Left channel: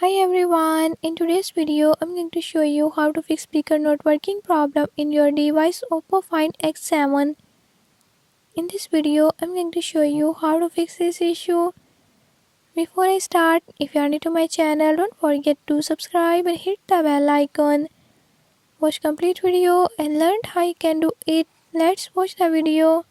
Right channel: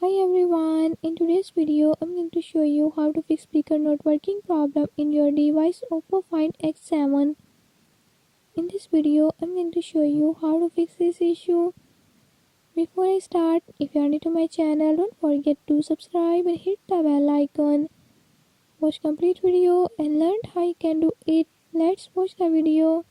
Hi everyone, in today's video I'm going to show you how to fix speaker not working problem in your device Oppo Find X7. In this video I'm going to show you how to fix this issue. Before I start, if you are new to my channel, don't forget to subscribe and hit the bell icon. Watch complete video and learn how you can do it. Let's watch the video.